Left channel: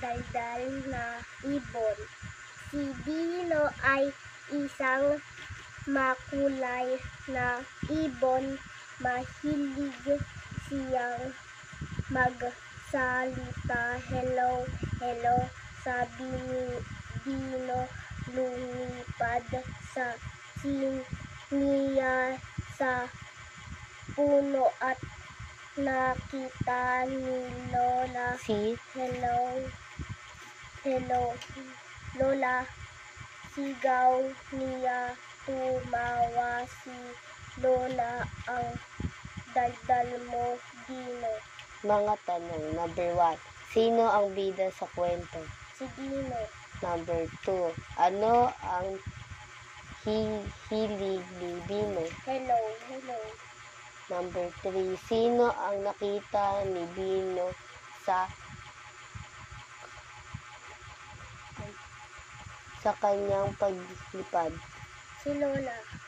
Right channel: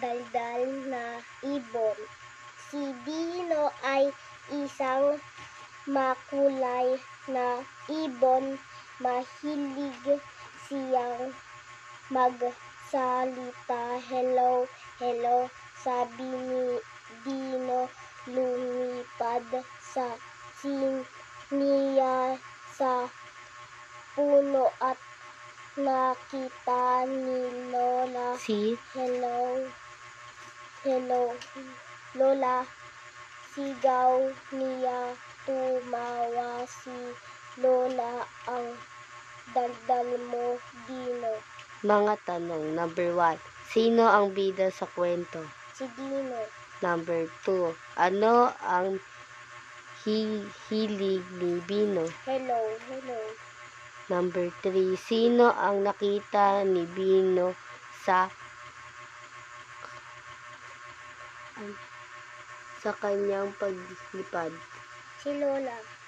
daldal na ibon. Si Dino ay isang makulay na ibon. Mahilig siyang magsalita. Hello, hello, sabi ni Dino. Lumipad sa niya sa puno at nakita ni Lola. Hello, hello, Lola. Sigaw niya. Tumawa si Lola. Ang daldal mo, Dino. Mga tanong. Number 1. Sino ang bida sa kwento? Si Dino. Number 2. Ano ang hilig ni Bino? Hello, hello. Number 3. Sino ang nakita ni Bino sa kanyang paglipad? Si Lola.